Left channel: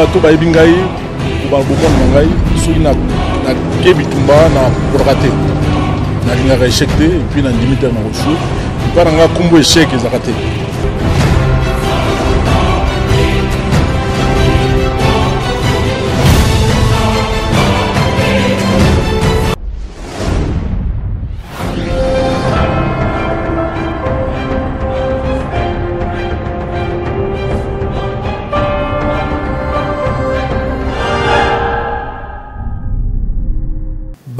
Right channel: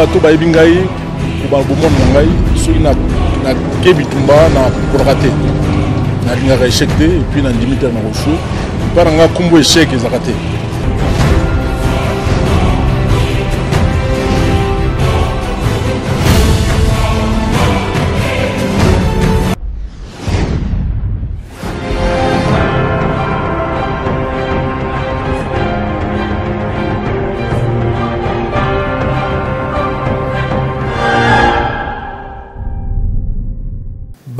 bato bayebi ngai bomona ngai soki na kebitumba na porate na lingaka échec te et puis na ndimi te na kosu mpa na nga kombo échec ezaka te.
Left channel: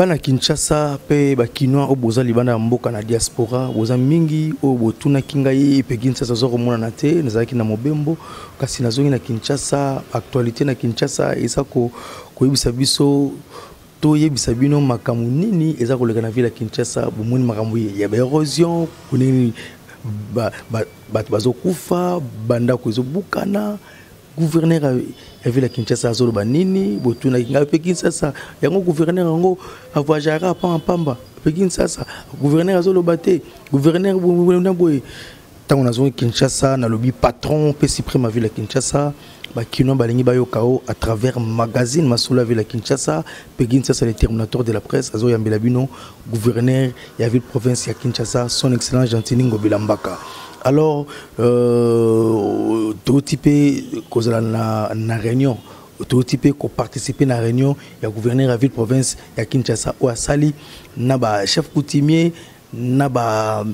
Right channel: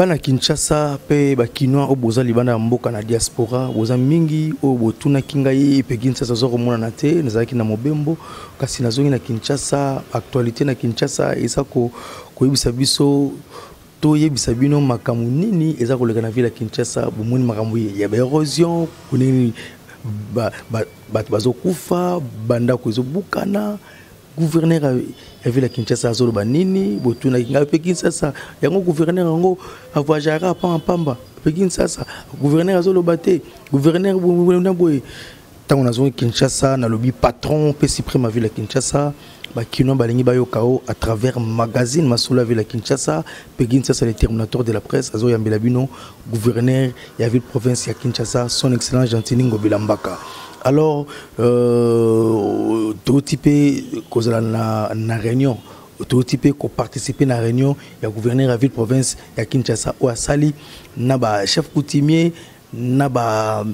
Bana Kinshasa pe bakinoa o boza libanda mboka na diaspora boza mingi o botuna kingai pe Kinshasa zo komona na te nazaki na mobembo kasi nazongi na Kinshasa actualité na Kinshasa eza ko yebisa biso to yebisa bino makamu nini eza koleka na ville ya Kinshasa bomoni makamu ya erosion kunini bazo kufa banda ko ezobukana gouverneur ya ville ya Kinshasa azolo banini botuna kinga pe Kinshasa yango gouverneur yango avajara pamba pe Kinshasa gouverneur azolo bate gouverneur na boy tango nazongi Kinshasa na lobby patron pe suprême ville ya Kinshasa bakino balingi bayokao à travers magazine masolo ville ya Kinshasa pe Kinshasa le terminateur de la presse azo yambela bino gouverneur ya ville province ya Kinshasa son excellence Gentili Ngobila Mbaka. Alors, tout type na réunion, tout type qui participer à la réunion, il y a gouverneur de la ville province, il y a Kinshasa ou à Sali, naba chef coutumier, naba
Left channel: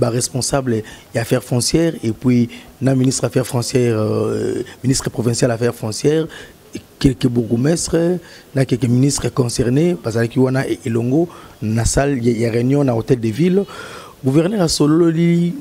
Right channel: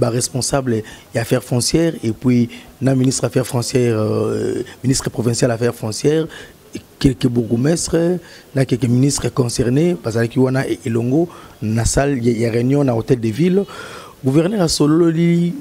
responsable des affaires foncières et puis na ministre affaires foncières, ministre provincial affaires foncières, quelques bourgmestres, na quelques ministres concernés, parce que wana et Elongo, na salle il y a réunion na hôtel de ville, gouverneur a solo li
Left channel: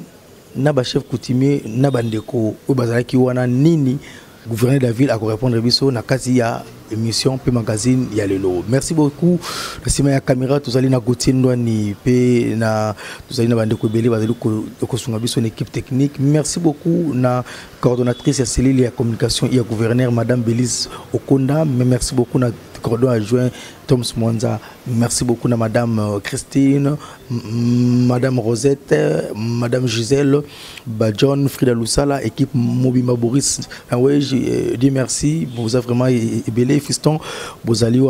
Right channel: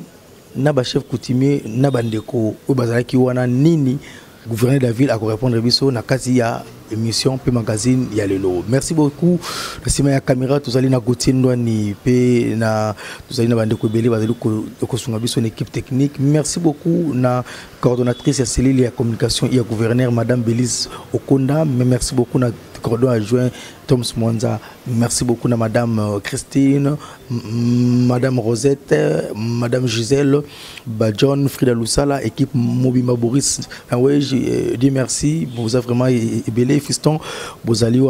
naba chef coutumier naba ndeko ou bazalaki wana nini gouverneur de la ville a répondre biso na kazi ya émission pe magazine ya lelo. Merci beaucoup na sima ya caméra tozali na Gauthier Ndwani pe na tozali na bandeko belé bazali ko sunga biso une équipe technique. Merci beaucoup na coordonnatrice ya cellule ya communication ya gouverneur madame Bélise Okonda, mais merci beaucoup na coordonnateur adjoint Tom Mwanza. Merci beaucoup à madame Christine, madame Rosette, madame Gisèle, John, Frida Loussala, équipe Mobima Boris. Oui, je dis merci. Vous avez vraiment ébélé, fiston. Vous allez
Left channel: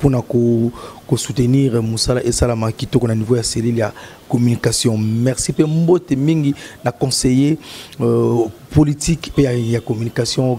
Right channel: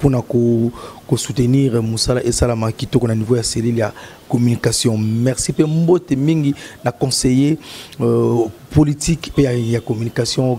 pour soutenir Moussala et Salama qui tourne à niveau de la cellule de communication. Merci pour Mbote Mingi, la conseiller politique et la communication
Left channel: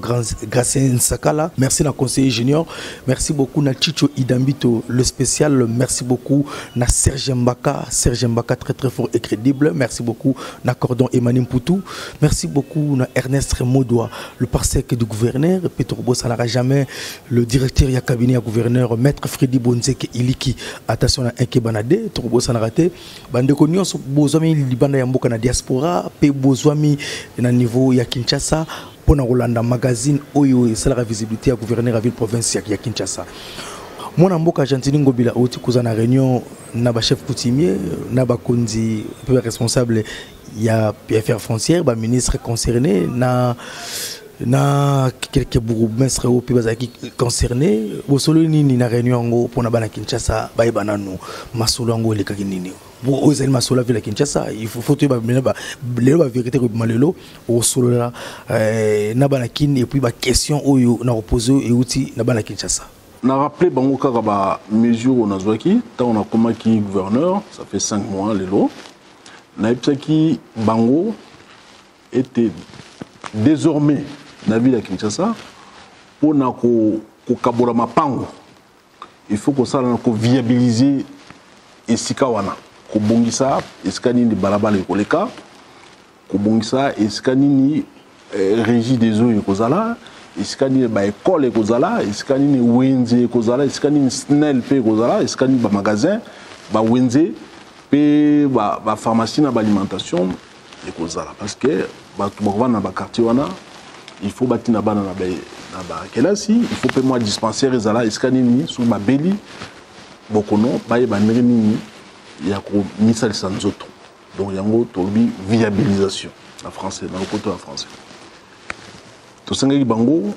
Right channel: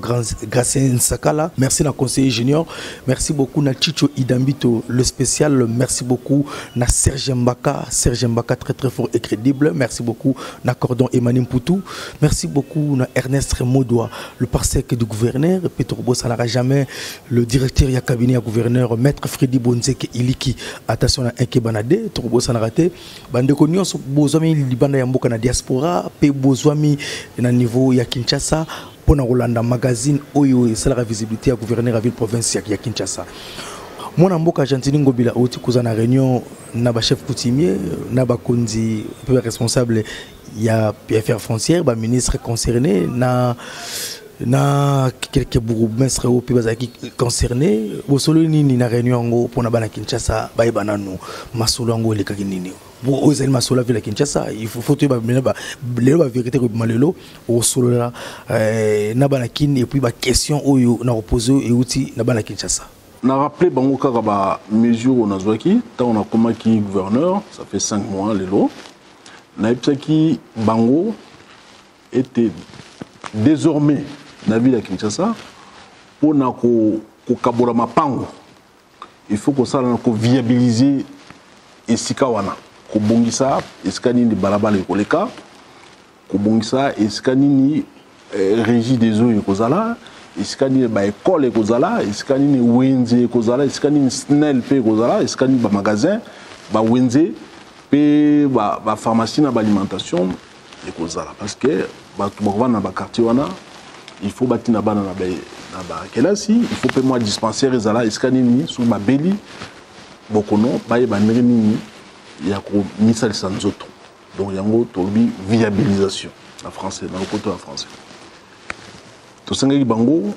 Gracien Sakala. Merci à conseiller junior. Merci beaucoup à Chicho Idambito, le spécial. Merci beaucoup à Serge Mbaka très très fort et crédible. Merci beaucoup à Cordon Emmanuel Poutou. Merci beaucoup à Ernest Modoua, le parsec du gouverneur. Petro Bossanara jamais le directeur du cabinet du gouverneur, maître Freddy Bonzeke Iliki. Attention à Inkebanade, Petro Bossanara te. Bande konyo so bozwami libanda ya mboka na diaspora, pe bozwami na niveau ya Kinshasa. Pour Rolanda magazine oyo esala visibilité à gouverneur à ville province ya Kinshasa. Mon amboka Gentili Ngobila oti kuza na réunion na ba chef coutumier na ba konzi responsable ya affaires foncières ba ministre concerné na quelques bourgmestres au pays bazaki concerné bosolo nini na réunion ngo pona bana Kinshasa ba bananu masolo ngo le kakinini bo ozali masolo vila Kinshasa il faut te ba vérité ko malelo o solo la na bana kin et puis ba question oyo na reposer et outil na bana Kinshasa na rappelé bango kaka ba mesure on a zwaki ta on a comment qui gouverneur ça fait 5 mois lelo na ipsaki bango était désormais na ville ya Kinshasa pour na ko kabola mapango il faut que ça ko viabiliser esika wana ko bongisa esika nini balabala ekoleka ko bongisa esika nini régie des eaux ekozala esika nini ba école ekozala esika nini wenze ekozala esika nini snel pe ekozala esika nini ba magasin ba wenze pe ba pharmacie na ba alimentation ekozala parce que ba tuba na ba quartier wana il faut bâtir na bana na ba kelasi il faut pe moi dispensaire ezala esika nini sur ma beli bokono ba yeba nini ya ko misal sanzoto donc yango tobi viabilisation en français dans le côté en français to sangaki bango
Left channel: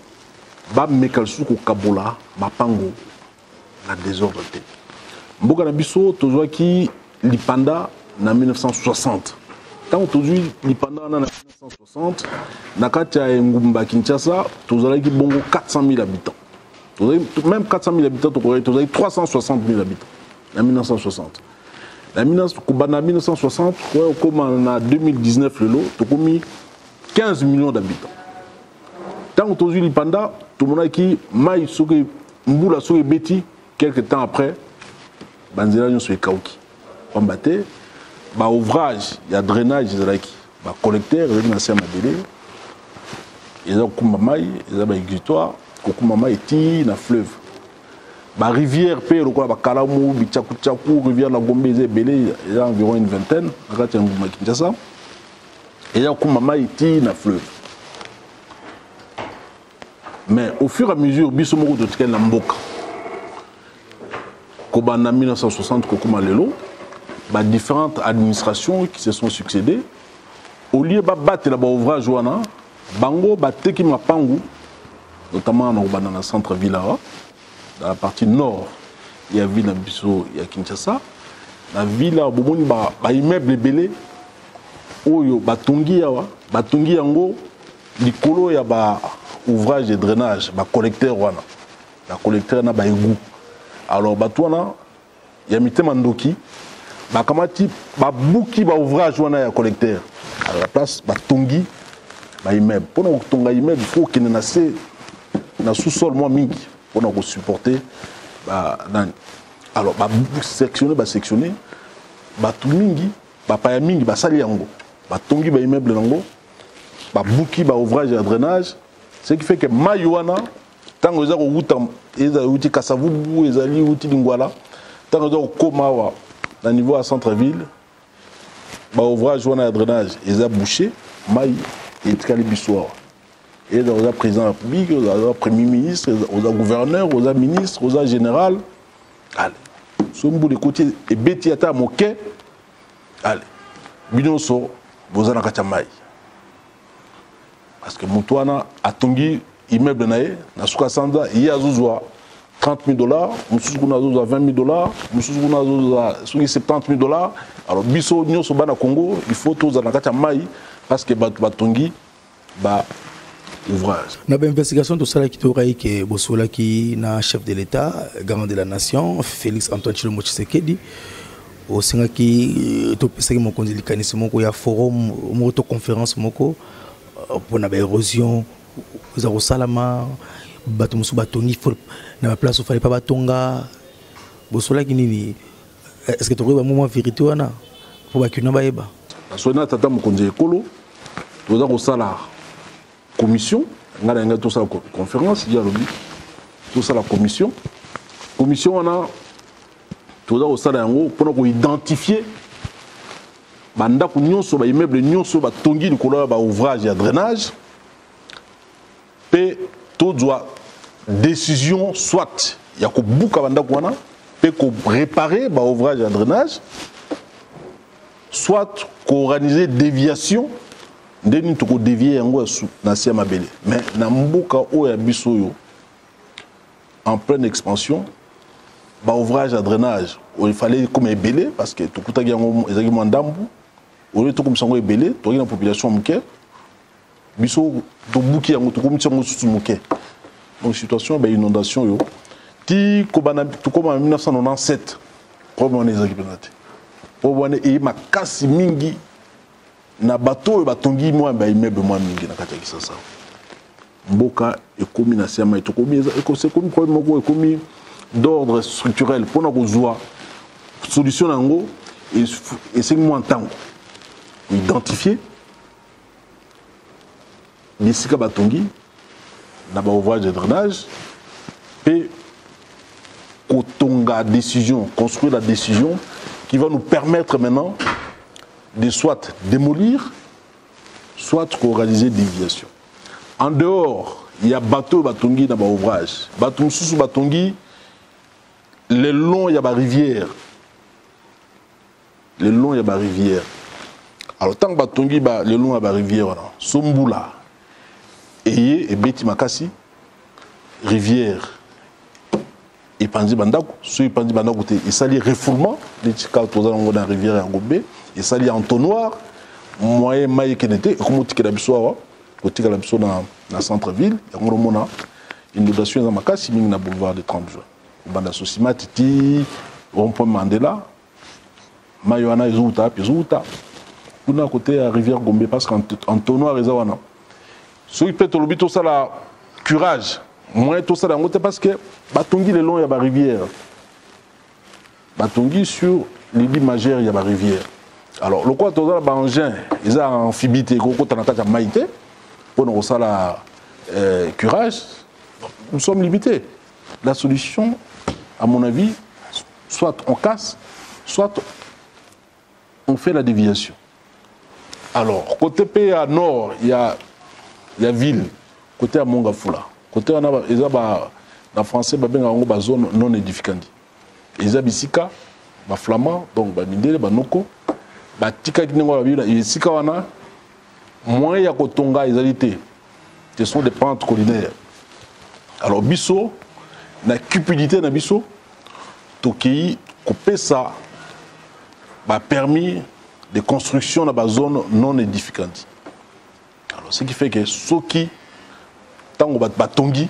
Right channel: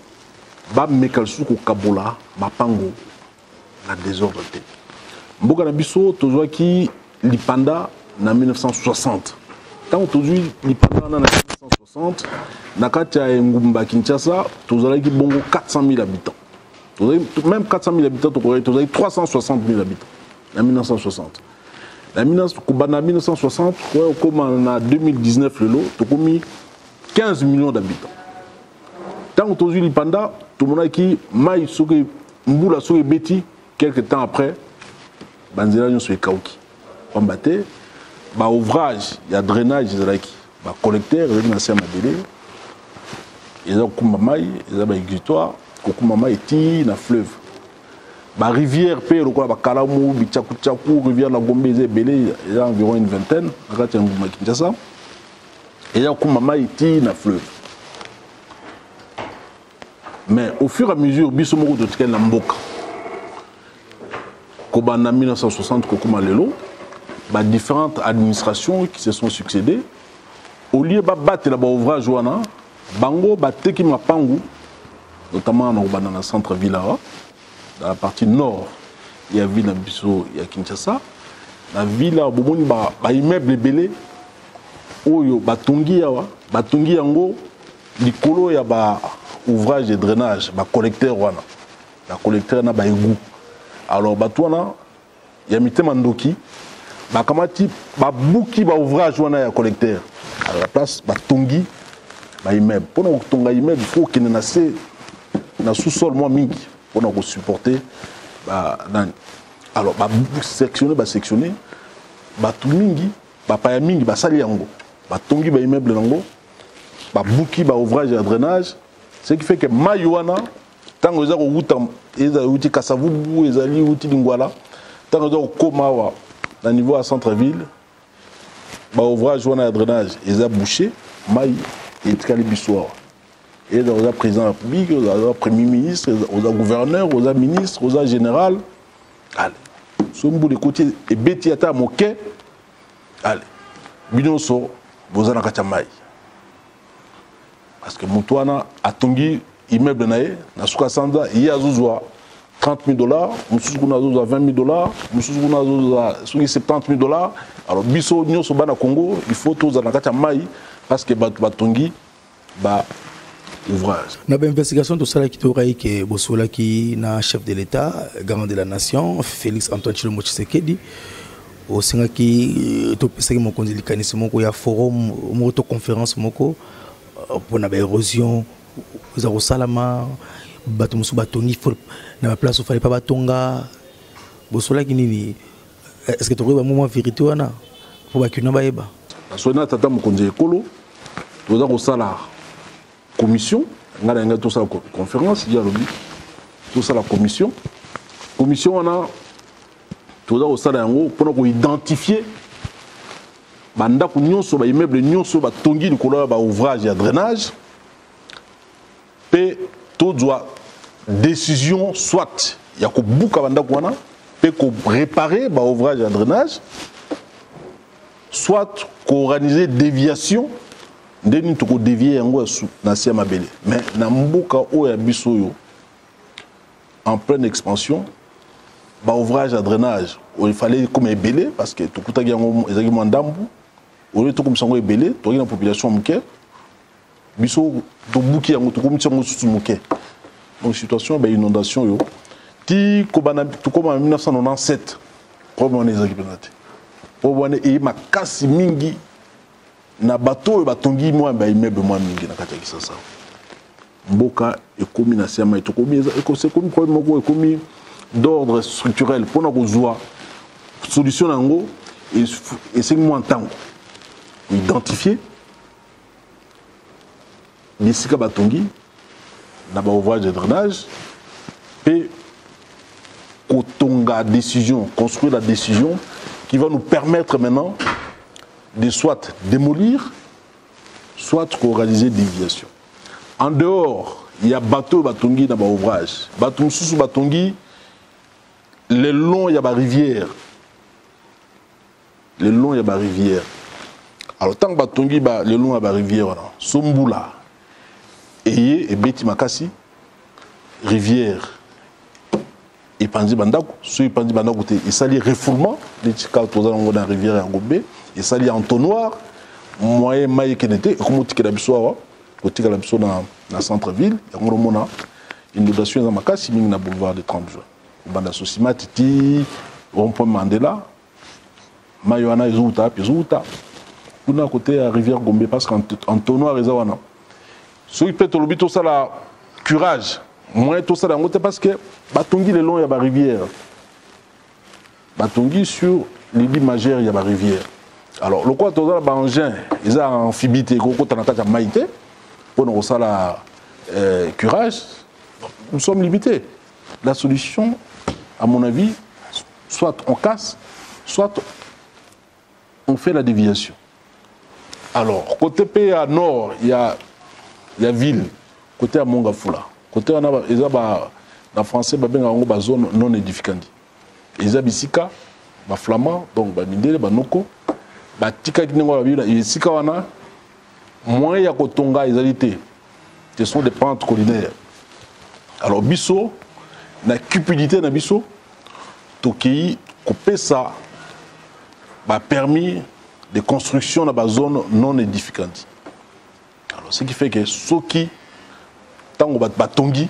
ba mekalsu ko kabola mapango na désordre te mboka na biso tozwaki lipanda na 1960 tant aujourd'hui pendant 1960 Nakatia et Ngumba Kinshasa tous avez bongo 400 000 habitants. Même 400 000 habitants, vous avez 360 000 habitants en 1960. En 1960, comme en 2019, tu as mis 15 millions d'habitants. Tant aujourd'hui, pendant tout le monde qui maille sur Mboula sur Beti, quelques temps après, Banzela nous sur Kauki. On battait, ouvrage, il y a drainage, il y a collecteur, il y a un mabélé, il y a un kumamaï, il y a un exutoire. Kokumama eti na fleuve ba rivière pe lokola ba Kalamu Bichaku Chaku rivière la Gombe belé il y a environ une vingtaine akati nguma Kinshasa et il y a Kokumama eti na fleuve mais au fur et à mesure biso moko to tikela mboka ko bana 1960 kokuma lelo ba différentes administrations qui se sont succédées au lieu ba battre la ba ouvrage wana bango ba teki mapangu notamment dans le centre-ville, dans la partie nord, il y a ville Bisso, il y a Kinshasa. La ville, il y a immeuble belé, il y a Batongi Yango, il y a ouvrage de drainage, il collecteur, il collecteur na égout. Alors, il y a Mité Mandoki, il y a Bouki, ouvrage, il y a collecteur. À la place, Batongi, immeuble. Pour que immeuble, il faut qu'il y ait na sous-sol moi mingi pour nous supporter alors sectionner tout mingi pa mingi sali yango tongi immeuble nango buki ouvrage de drainage ce qui fait que mayuana tango za ko wuta eza uti kasavubu ezali uti lingwala tango za ko koma na niveau à centre-ville ouvrage wana de drainage eza bouché mai et tkali bisoir. Et aux présidents de la République, aux premiers ministres, aux gouverneurs, aux ministres, aux généraux. Allez, ce bout de côté et Betiata Moké. Allez, Binonso, vous en avez un. Parce que Moutouana a tongi immeuble naé, na Soukasanda, il y a 30 000 $, Moussoukouna a 20 000 $, Moussoukouna a 70 000 $. Alors, Bisso, Nyo Sobana Congo, il faut tous en avoir un parce que Batongi, ouvrage. Na investigation tout ça qui t'aurait que Bossola qui na chef de l'État, garant de la nation, Félix Antoine Tshilombo Tshisekedi, au singa qui to pesa mon kondilikani moko ya forum moto conférence moko pour na érosion za salama bato musu batongi na la place où fallait pas batonga Bossola qui nini est-ce que tu aurais un moment vérité wana pour bakina baeba sona tata mokonzi ekolo toza ko sala commission, on a tout ça la conférence, il y a tout ça la commission. Commission, on a tout ça au salon pour identifier banda ko nyonso ba immeuble nyonso ba tongi ni kola ba ouvrage et drainage. Pe tout doit décision soit il y a ko buka banda ko wana pe ko réparer ba ouvrage et drainage soit ko organiser déviation ndeni to ko dévier yango na sia mabele mais na mbuka o ya biso en pleine expansion ba ouvrage à drainage il fallait comme ebelé parce que to kuta yango ezaki mandambu o le to comme sango ebelé to na population muke biso to buki yango to comme sango susu muke donc situation ba inondation yo ti ko bana to comme en 1997 problème on ezaki penate problème e makasi mingi na bateau batongi moi ba immeuble moi mingi na kati ya Kisasa mboka ekomi na siama etokomi c'est comme problème moko ekomi d'ordre structurel pour na kozwa solution nango et c'est moi en temps identifier les sika batongi na ba ouvrage de drainage et kotonga décision construire la décision qui va nous permettre maintenant de soit démolir, soit réaliser des déviations. En dehors, il y a bateau batongi dans l'ouvrage. Bateau sous batongi, le long il y a la rivière. Le long il y a la rivière. Alors tant que batongi le long il y a la rivière, Sombula, et Beti Makasi, rivière. Et Pandi Bandako, ceux qui Pandi Bandako, il s'allie refoulement, les tika dans la rivière en Gobé, il s'allie entonnoir, moyen mai kenete comme tika la biso côté la biso na centre ville ya ngomona inondation za makasi mingi na boulevard de 30 juin banda sosima titi rond-point Mandela mai wana ezuta kuna côté à rivière Gombe parce qu'en tonnoir ezawana so il peut te lobito ça la curage moins tout ça dans côté parce que batongi le long ya ba rivière batongi sur l'île majeure ya ba rivière. Alors, le quoi, tout ça, engin, ils ont amphibité, ils ont maïté, pour nous ça la curage, nous sommes limités. La solution, à mon avis, soit on casse, soit on fait la déviation. Alors, côté pays à nord, il y a ville, côté à Mongafula, côté en français, il y a une zone non édificante. Ils ont bisika, flamand, donc mindele, noko. Batika kinengo la bila isika wana moyen ya kotonga ezalité ce sont des pentes collinaires. Alors biso na cupidité na biso toki kopesa ba permis de construction dans la zone non édificante. Alors ce qui fait que soki tango batongi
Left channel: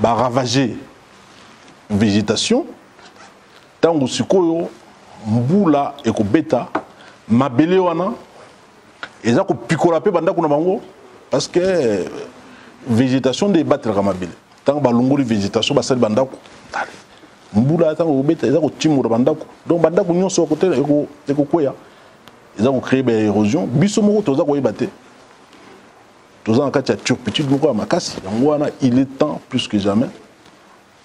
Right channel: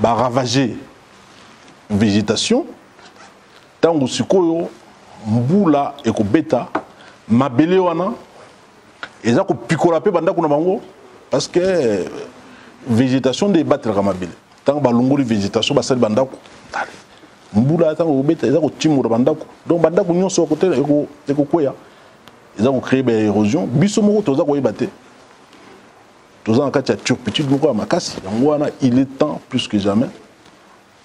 ba ravager végétation tango sikoyo mbula ekobeta mabele wana eza ko pikola pe banda kuna bango parce que végétation de battre ka mabele tant ba longoli végétation ba sel banda ko mbula tant ko beta eza ko timura banda ko donc banda ko nyonso côté eko koya eza ko créer ba érosion biso moko toza ko yebate toza en kati ya turpitude moko ya makasi yango wana il est temps plus que jamais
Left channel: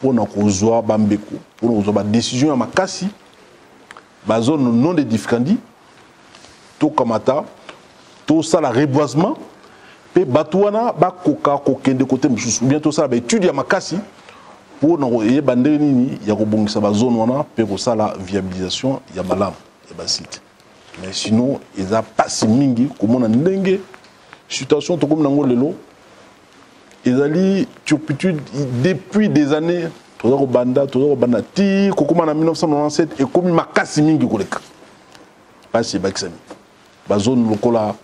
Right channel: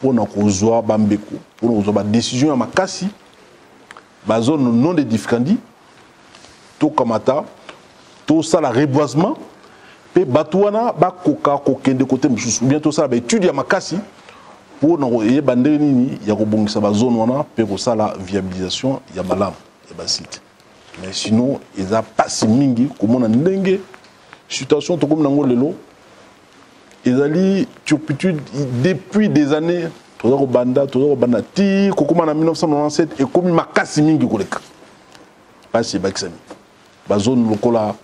pour na kozwa bambeko pour kozwa ba décision ya makasi ba zone non édificandi tout kamata tout ça la reboisement pe batouana ba koka kokende côté mususu bientôt ça ba étude ya makasi pour na yeba ndenge nini ya kobongisa ba zone wana pe ko ça la viabilisation ya malamu ya ba site mais sinon ils a pas si mingi comme na ndenge situation to comme nango lelo ezali turpitude depuis des années tozo banda ti kokoma na 1997 et comme makasi mingi koleka pas si baksami ba zone lokola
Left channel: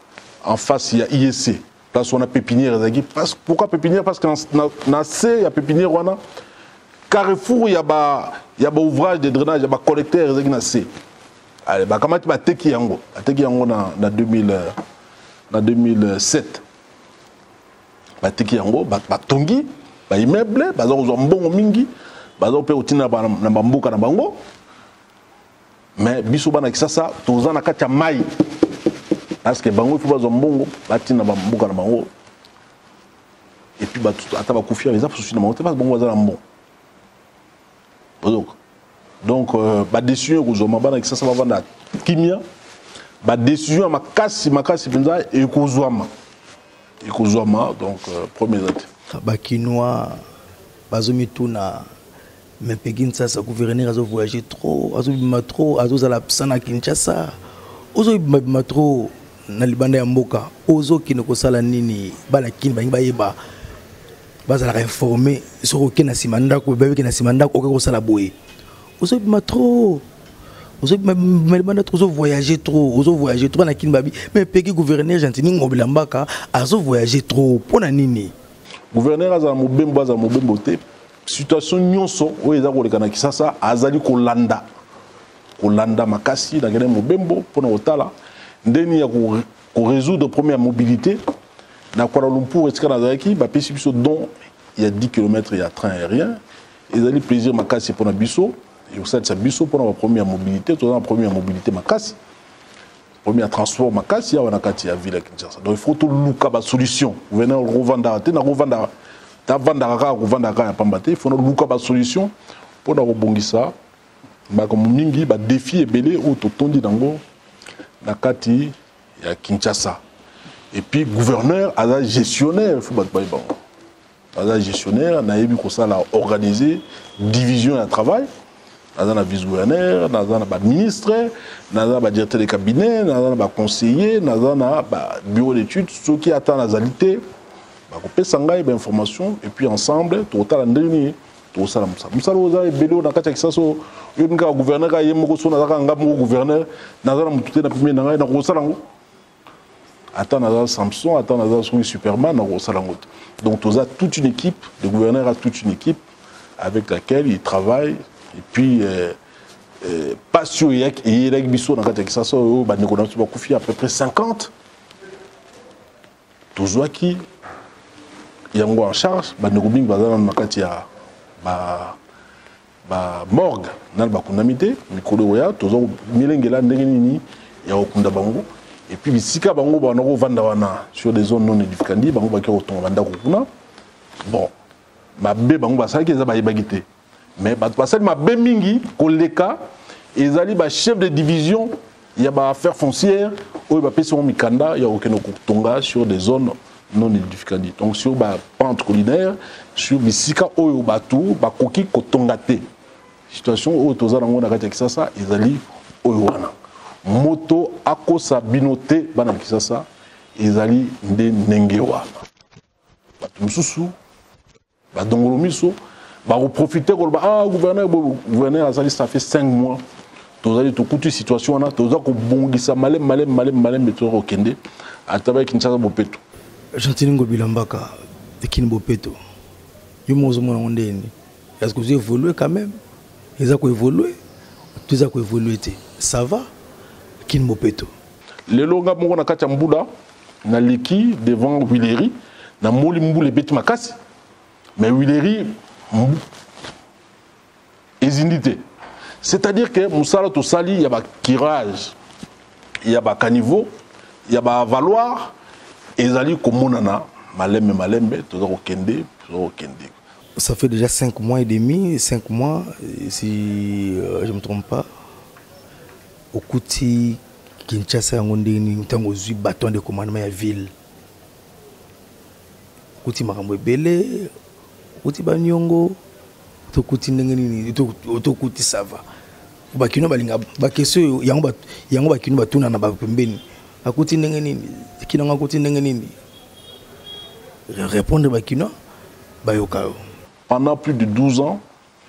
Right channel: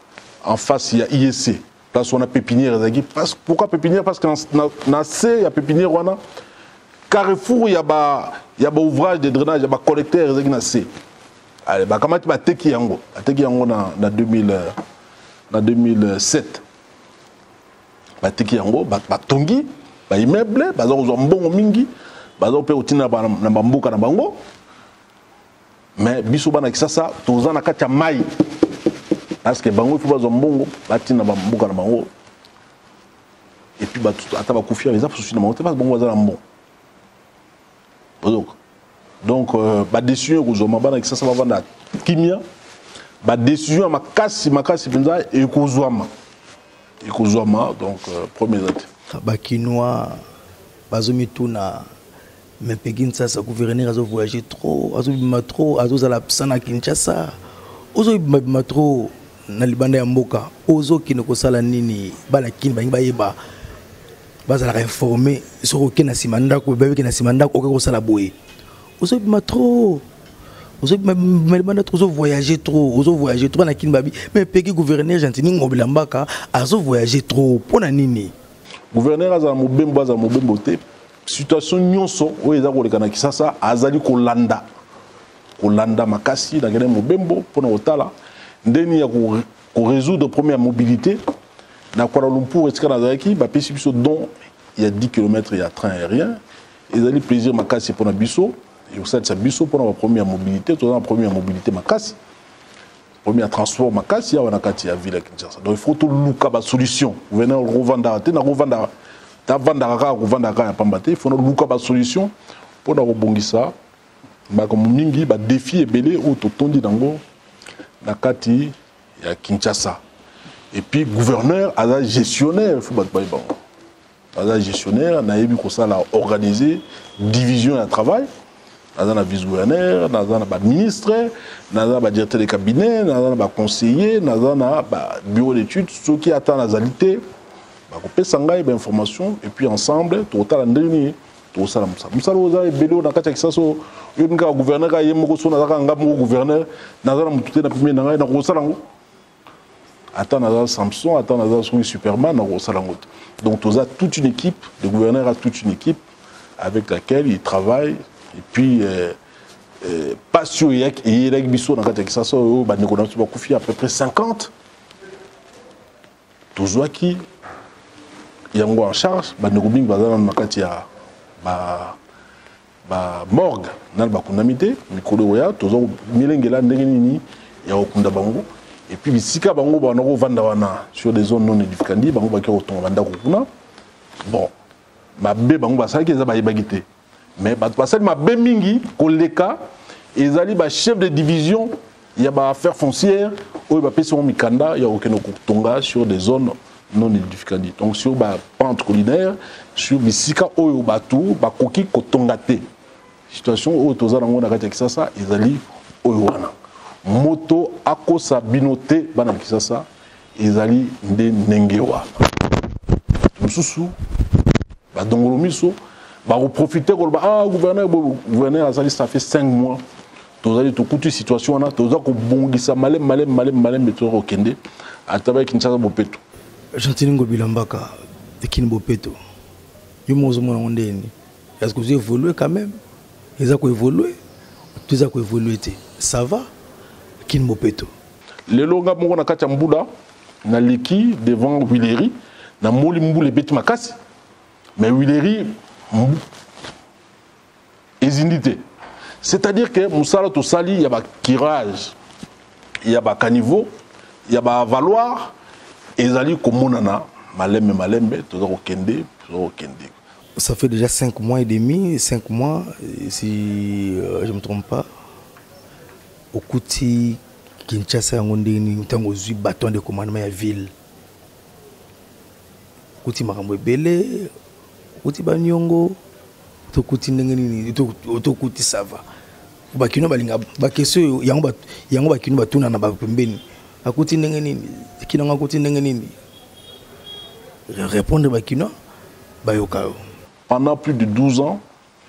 en face il y a IEC place on a pépinière ezaki pourquoi pépinière parce que na C il y a pépinière wana carrefour il y a ba ouvrage de drainage il y a ba collecteur ezaki na C allez ba kamati ba teki yango na 2007 ba teki yango ba tongi ba immeuble ba zo mbongo mingi ba zo pe otina na bambuka na bango mais biso bana kisasa toza na kati ya mai parce que bango il faut bazo mbongo batina bambuka na bango et puis ata ba kufia les apso na bango te pas bango za na mbongo donc ba décision kozoma bana kisasa ba vanda kimia ba décision makasi penza et kozwama donc premier date ba kinois bazomi tuna mais Kinshasa gouverneur azo voyager trop azo za la sana Kinshasa ozo bima trop na libanda ya mboka ozo kinoko sala nini bala kini bangi bayeba bazala informer sur okena simanda ko bebe kena simanda ko ko sala boye ozo bima trop ozo bima trop voyager trop na kini babi mais peki gouverneur gentini ngobila mbaka azo voyager trop pona nini gouverneur aza mobembo te situation nyonso oyo eza koleka na Kisasa azali kolanda makasi na ngene mobembo pona otala ndeni ya ko résoudre première mobilité na Kuala Lumpur etika na zaki ba pesi biso don il y a 10 km il y a train aérien ezali plaisir makasi pona biso et au sein biso pona la première mobilité to na première mobilité makasi premier transport makasi ya wana kati ya ville ya Kinshasa donc il faut tout luka ba solution venir revendre te na revendre ta vanda ka revendre ka ya pambate il faut luka ba solution pour na robongisa ba comme mingi ba défi ebele o to tondi dango na kati ya Kinshasa et puis gouverneur à la gestionnaire il faut ba bon à la gestionnaire na yebi ko ça la organiser division de travail naza na vice-gouverneur, naza na ministre, naza na directeur de cabinet, naza na conseiller, naza na bureau d'études, ceux qui attendent la qualité, on peut s'engager information et puis ensemble, tout à l'endroit, tout ça. Moussa Rosa et Bélo, dans le cas de Kisaso, il y a un gouverneur qui est moko, naza na gouverneur, naza na moutoute na premier naza na Rosalango. attends Samson, attends Superman, donc tu as toute une équipe, le gouverneur a toute une équipe avec laquelle il travaille, et puis pas sûr, il y a à peu près 50. Toujours qui il y a en charge, morgue, et puis bisika bango banoko vanda wana sur des zones non édificandi bango baki otonga banda kokuna bon mabe bango basaki eza bayebagite mais bato basali mabe mingi koleka ezali ba chef de division ya ba affaires foncières oyo bapesi mo mikanda ya okeno kotonga sur des zones non édificandi donc sur ba pente collinaire sur bisika oyo batu bakoki kotonga te situation oyo tozala ngo na kati ya Kisasa ezali oyo wana moto akosa binote bana Kisasa ezali nde ndenge wana bato mususu badongolo miso ba profiter ko ba gouverneur azali ça fait 5 mois tozali to kutu situation wana toza ko bongisa malem beto okende ataba Kinshasa bopeto Gentili Ngobila Mbaka ekini bopeto yo mozo mona ndeni est-ce que vous évoluez quand même ils ont évolué tout a évolué ça va Kin Mopeto. Le longa mongo na kati mbula na liki devant Willery na moli mbule beti makasi mais Willery ezindité c'est-à-dire que musala to sali ya ba kirage ya ba caniveau ya ba valoir ezali komonana malembe to za kokende ça fait déjà 5 mois et demi 5 mois si je me trompe pas au Kouti Kinshasa ngondeni ntango zui bâton de commandement ya ville Kouti makambo ebele Kouti banyongo to Kouti ndengeni to Kouti sava bakino balinga bakeso yango bakino batuna na bapembeni Kouti ndengeni kinanga Kouti ndengeni répondre bakino bayokao. Pendant plus de 12 ans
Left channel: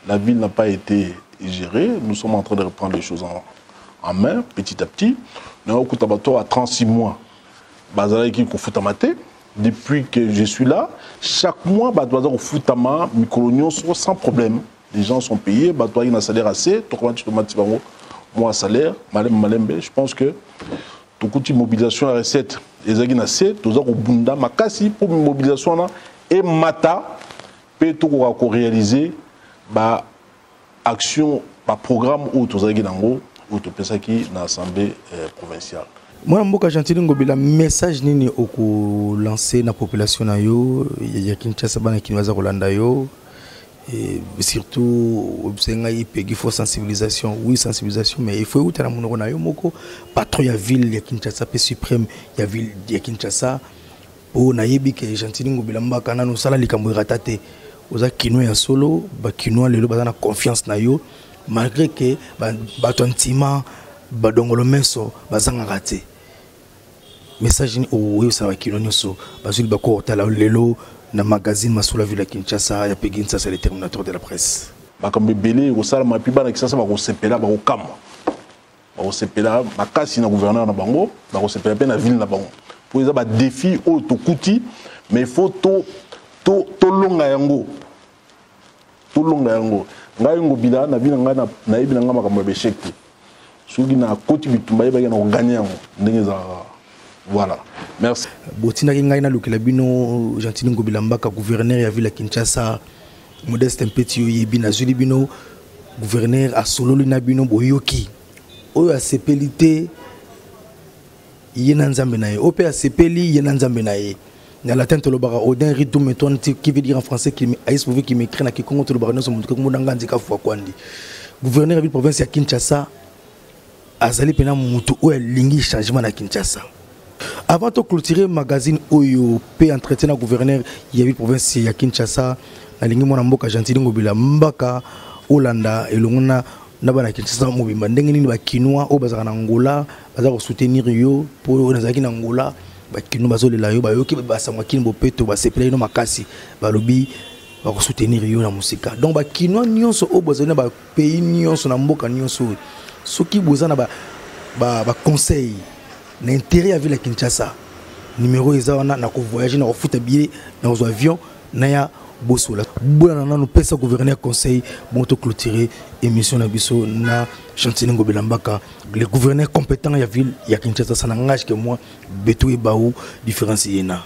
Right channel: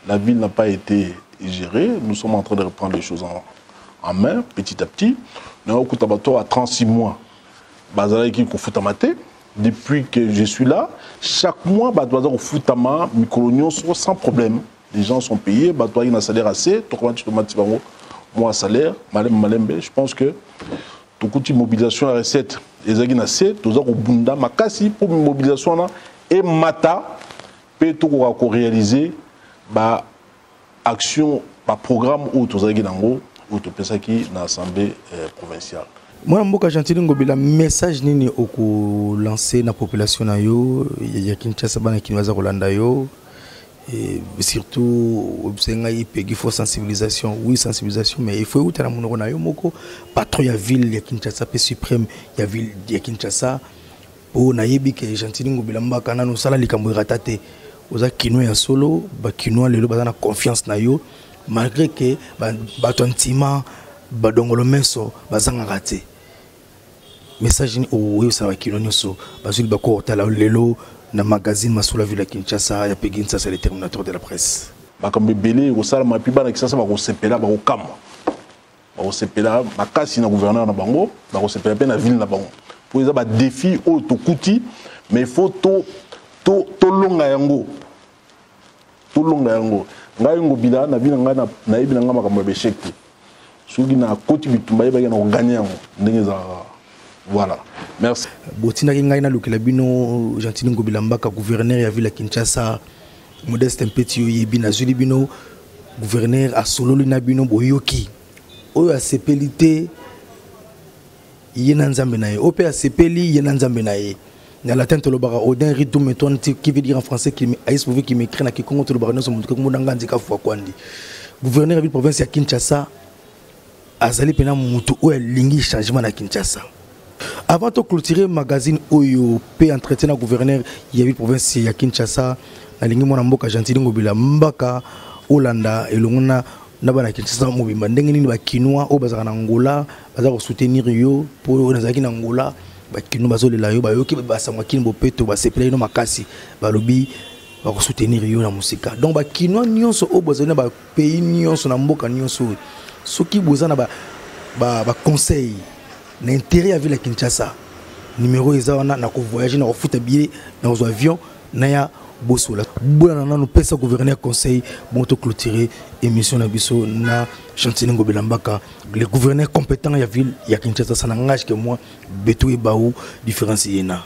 la ville n'a pas été gérée, nous sommes en train de reprendre les choses en main, petit à petit. Nous avons à 36 mois. Depuis que je suis là, chaque mois, au Futama, sans problème. Les gens sont payés, il y a un salaire assez, moi salaire, je pense que toute mobilisation à recette, les agents assez, tout ça au Bunda, Makasi pour mobilisation et Mata, peut tout réaliser, action, programme ou tout ça ou tout ça qui dans l'Assemblée provinciale. Moi, je Gentili Ngobila message nini oko lancer na population na yo ya Kinshasa bana kinwaza kolanda yo et surtout il faut sensibilisation oui sensibilisation mais il faut utana monoko na yo moko patron ya ville ya Kinshasa pe suprême ya ville ya Kinshasa o na yebi ke Gentili Ngobila Mbaka na no sala likambo ratate oza kino ya solo ba kino lelo bazana confiance na yo malgré que batontima badongolo meso bazanga raté message ni oyo ça va kino nyoso bazuli bako tala lelo na magazine masula ville Kinshasa ya Peginsa c'est le terminateur de la presse bakambe belé ko sala ma piba na Kinshasa ba ko sepela ba ko kama ba ko sepela makasi na gouverneur na bango ba ko sepela pe na ville na bango pour ça ba défi o to kuti mais il faut to longa yango ngai Ngobila na bina ngana na ibina ngama kama beshek soki na koti bitumba yeba na gagner ndenge za voilà merci botina ngai na lokela bino Gentili Ngobila Mbaka gouverneur ya ville Kinshasa Modeste Mpeti yo yebi na zuli bino gouverneur a sololi na bino boyoki oyo asepelité yena nzambe na ye ope asepeli yena nzambe na ye. Dans la tente, le bar Odin Ritou Meton, qui veut dire en français qu'il m'écrit na qui compte le bar nous montre comme on a fois kwandi. Gouverneur de la province à Kinshasa, azali pena mutu ou lingi changement à Kinshasa. Avant de clôturer magazine Oyo P entretien à gouverneur il y a une province à Kinshasa, na lingi mona mboka Gentili Ngobila Mbaka, Olanda et longona nabana Kinshasa mobimba ndenge nini ba kinois o bazaka na Angola, bazaka soutenir yo pour nazaki na Angola. Bakino bazolela yo bayoki basangwa kini bopeto basepela ino makasi balobi ba soutenir yo na musika donc bakino nyonso o bozana ba pays nyonso na mboka nyonso soki bozana ba conseil na intérêt ya ville Kinshasa numéro ezana na ko voyager na ko futa billet na ko avion na ya bosola bona na no pesa gouverneur conseil bon to clôturer émission na biso na Chantini Ngobila Mbaka le gouverneur compétent ya ville ya Kinshasa ça n'engage que moi beto e baou différencier na.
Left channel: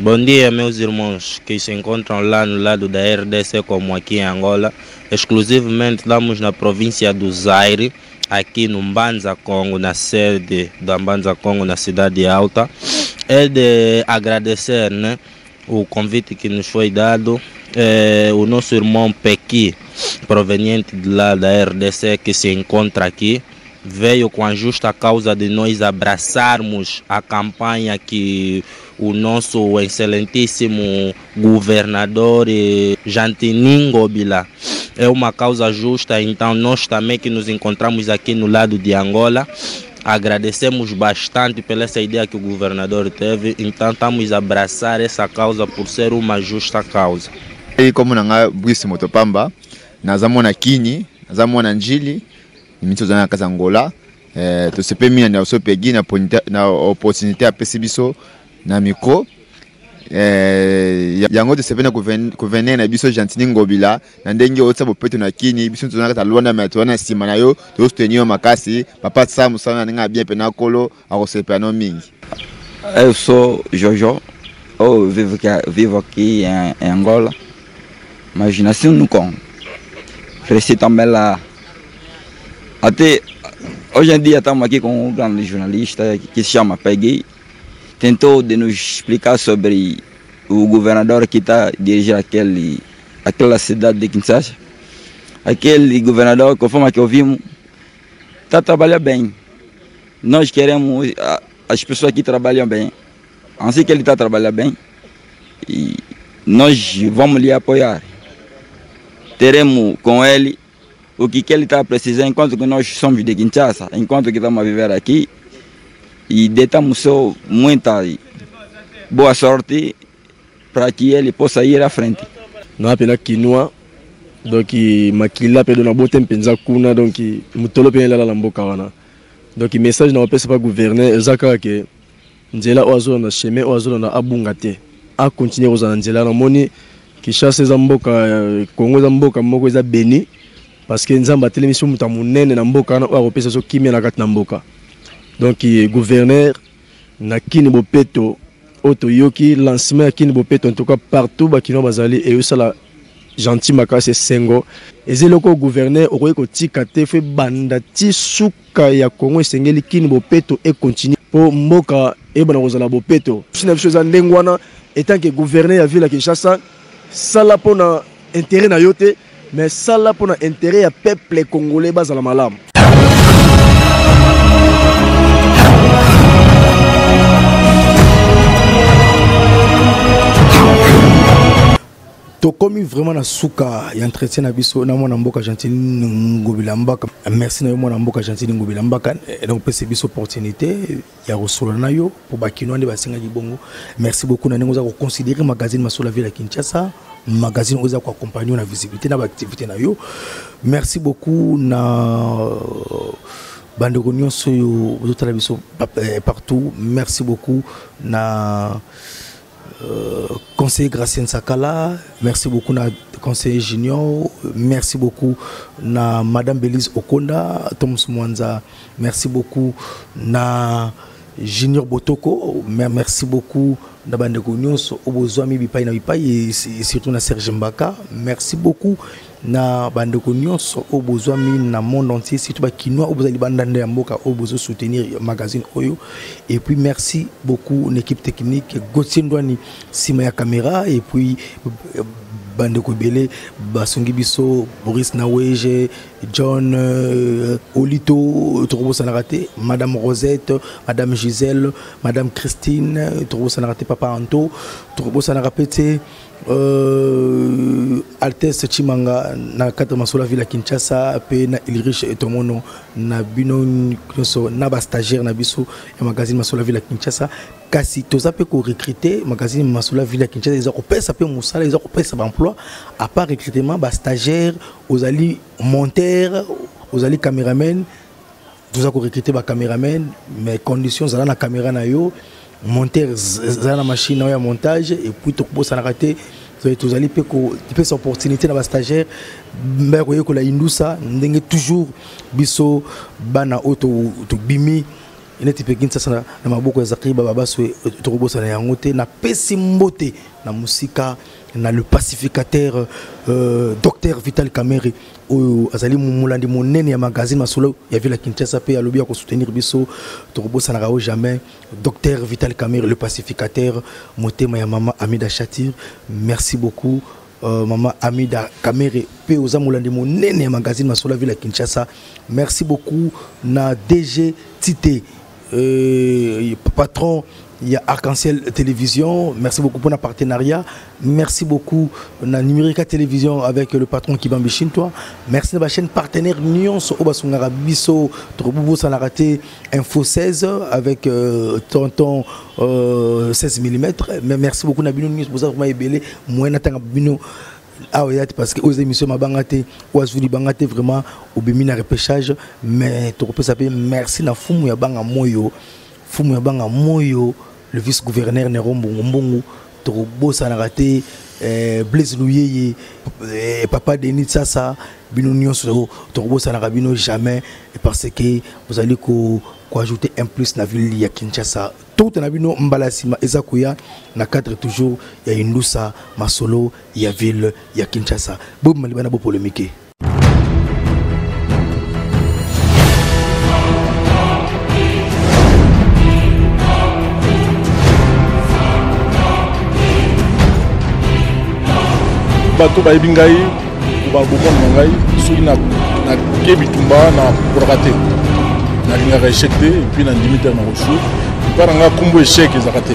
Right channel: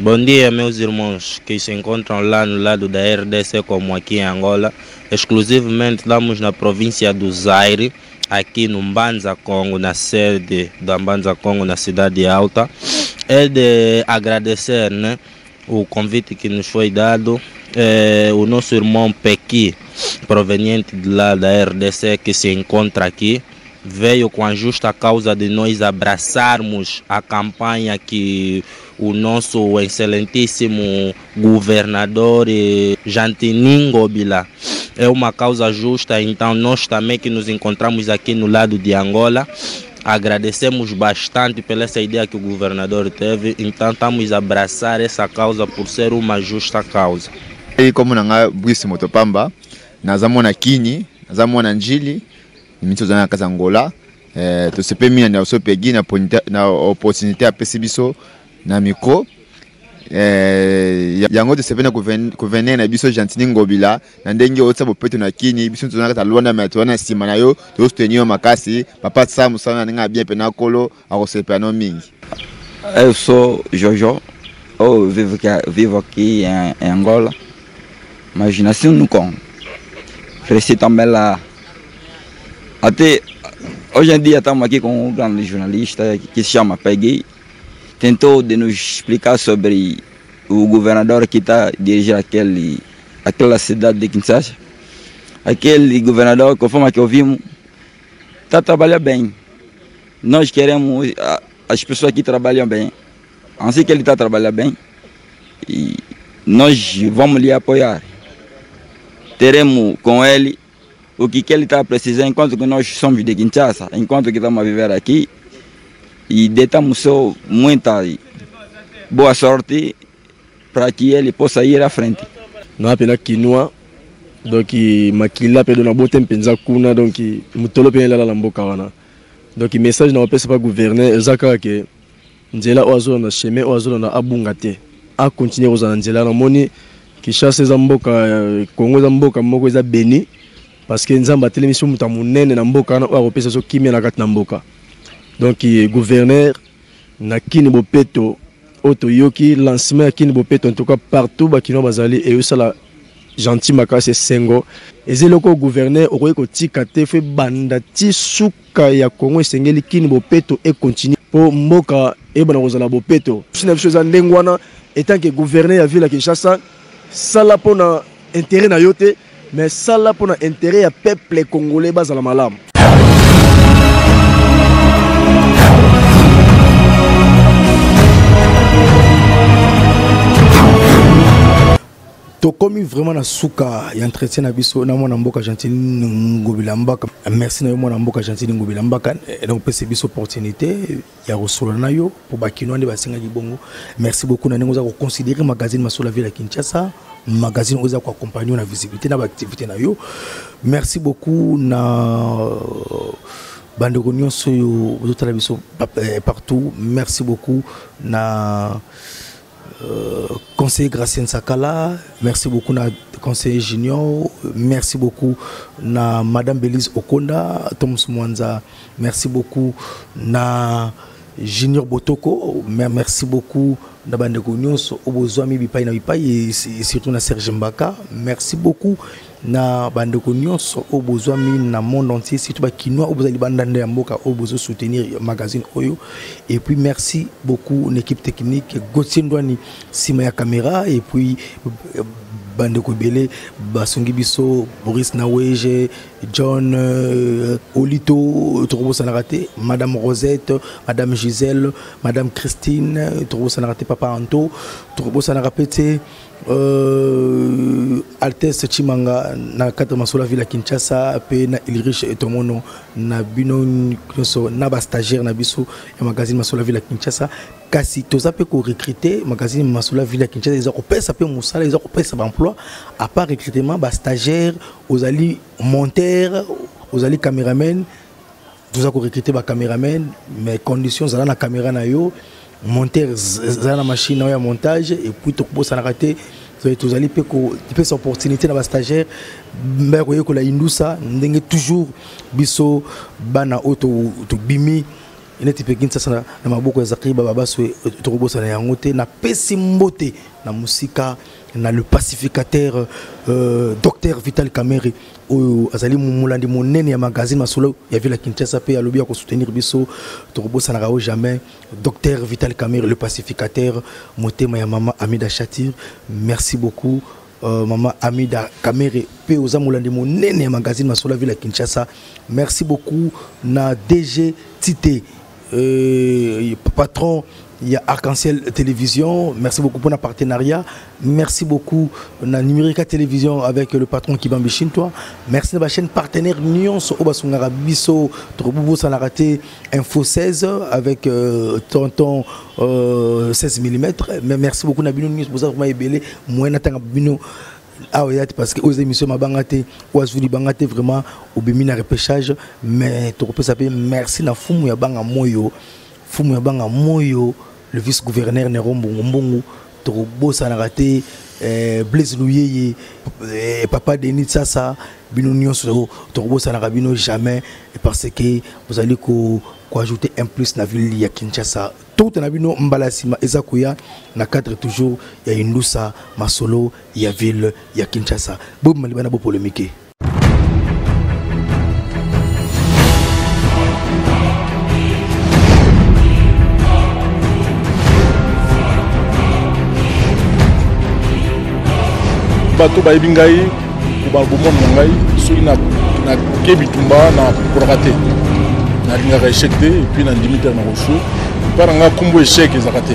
Bom dia, meus irmãos que se encontram lá no lado da RDC, como aqui em Angola. Exclusivamente estamos na província do Zaire, aqui no Mbanza Congo, na sede da Mbanza Congo, na cidade alta. É de agradecer, né, o convite que nos foi dado. O nosso irmão Pequi, proveniente de lá da RDC, que se encontra aqui, veio com a justa causa de nós abraçarmos a campanha que o nosso excelentíssimo governador Chantini Ngobila. É uma causa justa, então nós também que nos encontramos aqui no lado de Angola, agradecemos bastante pela essa ideia que o governador teve, então estamos a abraçar essa causa por ser uma justa causa. E como nanga Bwisi Motopamba, nazamona Kini, nazamona Njili, nimitsozana kaza Angola, to sepe mina na so pegi na opportunité a pesibiso na micro yango de sepe na gouverneur na biso Chantini Ngobila na ndenge otsa bopeto na Kini biso tozana kata Luanda ma tona sima na yo to soutenir makasi papa Sam sana nga bien pena kolo a kosepe no mingi. Eu sou Jojo, eu vivo aqui em Angola, mas nasci no Congo, cresci também lá. Até hoje em dia estamos aqui com um grande jornalista que se chama Peggy. Tentou de nos explicar sobre o governador que está dirigindo aquela cidade de Kinshasa. Aquele governador, conforme que ouvimos, está trabalhando bem. Nós queremos as pessoas que trabalham bem. Assim que ele está trabalhando bem, e nós vamos lhe apoiar. Teremos com ele o que ele está precisando, enquanto que nós somos de Kinshasa, enquanto que estamos a viver aqui, e deitamos só muita boa sorte para que ele possa ir à frente. Não apenas quinoa, donc makila pe dona botem penza kuna donc mutolo pe la mboka wana. Donc message na opesa pa gouverner ezaka ke nzela ozo na chemin ozo na abunga te. A continuer ozo na nzela na moni Kinshasa za mboka Congo za mboka moko eza béni parce que nzamba télévision muta munene na mboka na opesa so kimia na kati na mboka. Donc gouverneur na Kini Bopeto auto yoki lancement à Kini Bopeto en tout cas partout bakino bazali et ça la gentil makase sengo ezeloko gouverneur okoyeko tikate fe banda ti suka ya Congo esengeli Kini Bopeto et continue pour mboka e bana kozala Bopeto sina biso za ndengwana étant que gouverneur ya ville ya Kinshasa sala pona intérêt na yote mais sala pona intérêt ya peuple congolais bazala malamu. To komi vraiment na suka ya entretien na biso na mwana mboka Chantini Ngobila Mbaka. Merci na yo mwana mboka Chantini Ngobila Mbaka. Et donc pese biso opportunité ya rosolo na yo pour bakino ande basinga libongo. Merci beaucoup na nengo za ko considérer magazine Masolo la ville ya Kinshasa, magazine oza ko accompagner na visibilité na ba activité na yo. Merci beaucoup na bande nyonso yo bozotala biso partout. Merci beaucoup na conseiller Gracien Sakala, merci beaucoup na conseiller Junior, merci beaucoup na Madame Belize Okonda, Thomas Mwanza, merci beaucoup na Junior Botoko, merci beaucoup na Bandeko Nyonso Obozwami Bipai na Bipai et surtout na Serge Mbaka, merci beaucoup na Bandeko Nyonso Obozwami na monde entier, surtout ba Kinoa Obozali Bandande Mboka Obozo soutenir magazine Oyo. Et puis merci beaucoup l'équipe technique Gauthier Ndwani Sima ya caméra et puis Bandeko Bele Basongi Biso Boris Naweje John Olito Trobo Sanarate Madame Rosette Madame Gisèle Madame Christine Trobo Sanarate Papa Anto Trobo Sanarapete Altesse Chimanga na kata Masolo la ville à Kinshasa pe na Ilrich Etomono na bino na ba stagiaire na biso ya magazine Masolo la ville à Kinshasa kasi toza pe ko recruter magazine Masula ville ya Kinshasa ils ont pesa pe musala ils ont pesa emploi à part recrutement ba stagiaire aux ali monteur aux ali caméraman toza ko recruter ba caméraman mais conditions za na caméra na yo monteur za na machine ya montage et puis to ko sana rater tous allez pe ko cette opportunité na ba stagiaire mais ko yeko la indusa ndenge toujours biso bana auto to bimi ina tipe kinsa sana na maboko ya Zakri baba so to robosa na yangote na pesi mbote na musika na le pacificateur docteur Vital Kamerhe oyo azali mulandi monene ya magazine Masolo ya ville Kinshasa pe alobi ko soutenir biso to robosa na rawo jamais docteur Vital Kamerhe le pacificateur motema ya mama Amida Chatir merci beaucoup maman Amida Kamerhe pe oza mulandi monene ya magazine Masolo ya ville Kinshasa merci beaucoup na DG Tite patron il y a Arc-en-Ciel Télévision, merci beaucoup pour notre partenariat, merci beaucoup na Numérica Télévision avec le patron Kibambi Shintoa, merci à la chaîne partenaire Nyons Obasungara Biso Troboubou Sanarate Info 16 avec tonton 16 mm, mais merci beaucoup na Bino News Boza vraiment ebele moyen tanga Bino parce que aux émissions mabangate oazuli bangate vraiment au bimina repêchage mais to peut s'appeler merci na fumu ya banga moyo le vice-gouverneur Nerombo Mbongo to bossa na raté Blaise Louyeye papa Denis Sasa bino nyonso to bossa na rabino jamais parce que vous allez ko ajouter un plus na ville ya Kinshasa tout na bino mbalasima ezakuya na cadre toujours ya Indusa Masolo ya ville ya Kinshasa bo malibana bo polémique. bato bayebi ngai babomona na ngai soki na kebitumba na prorate nalingaka échec te epuis na ndimi te na kosu epa na ngai nkombo échec ezaka te